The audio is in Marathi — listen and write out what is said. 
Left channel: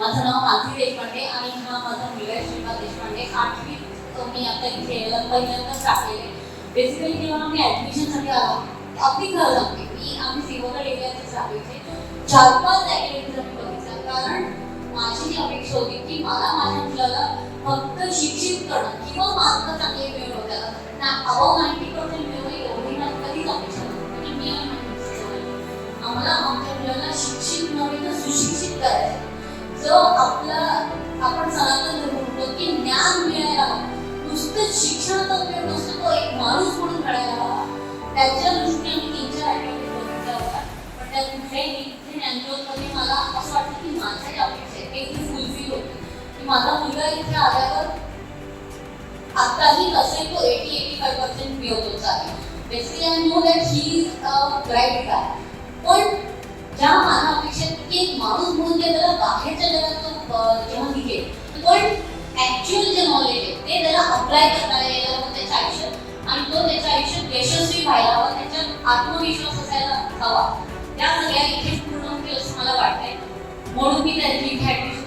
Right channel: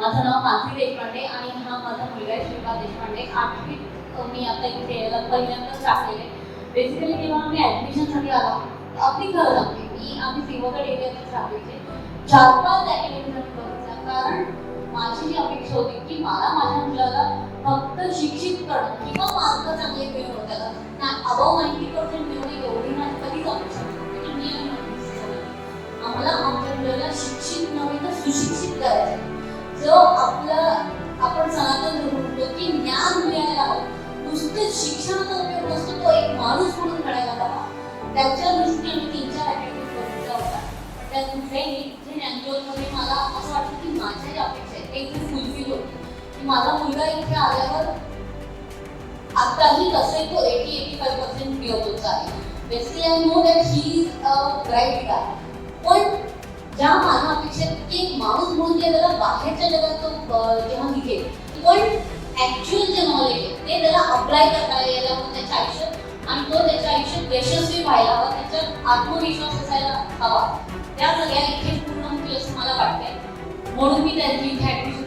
माझं नाव मानसी देशपांडे आणि हा माझा मुलगा आहे श्रीपाद देशपांडे. 8वीत मी आता इथे पहिल्यांदाच टाकलेले. बेसिकली जेव्हा आम्ही ॲडमिशनसाठी आलो, अगदी खरं सांगते, आम्ही सिंहगड एरियातच राहायचे. 4-5 अकॅडमीज आम्ही बघितल्या, कारण माझी जी अपेक्षा होती की मला माझ्या मुलाला फक्त शिक्षित करणं किंवा मार्क चांगले मिळवणं, त्याला अबाव 90% मिळवणं एवढी माझी कधीच अपेक्षा नव्हती. मी आम्हाला आमच्या मुलाला शिक्षित नव्हे तर सुशिक्षित करायचं. जो आपण सनातन धर्म म्हणतो की ज्ञान मिळायला हवं, नुसतेच शिक्षणाचा उपयोग नसतो, तो एक माणूस म्हणून घडायला हवा. त्याच्या दृष्टीने आम्ही 3-4 ॲक्टिव्हिटीज बघितल्या होत्या. त्या कुठल्याही ज्ञानज्योतमध्ये मला असं वाटतं की माझ्या ज्या अपेक्षा आहेत ते फुलफिल होती की माझा मुलगा इथे आल्यावर आताही नसेल तो 80-85% मिळवतोच आहे. Basically I know that he is a bright guy. पण ज्या माझ्या अपेक्षेत की एक माणूस म्हणून त्याला बाहेरच्या जगात तो जेव्हा निघेल, पण ॲक्च्युअल जे नॉलेज आहे ते त्याला अप्लाय करता यायला हवं त्याच्या आयुष्यात, आणि तो त्याच्या आयुष्यात यशस्वी व्हायला हवा, त्याच्यात आत्मविश्वास असायला हवा. त्या सगळ्या इथे पूर्ण होतील असं मला वाटतंय. म्हणून मी त्यांची इथे ॲडमिशन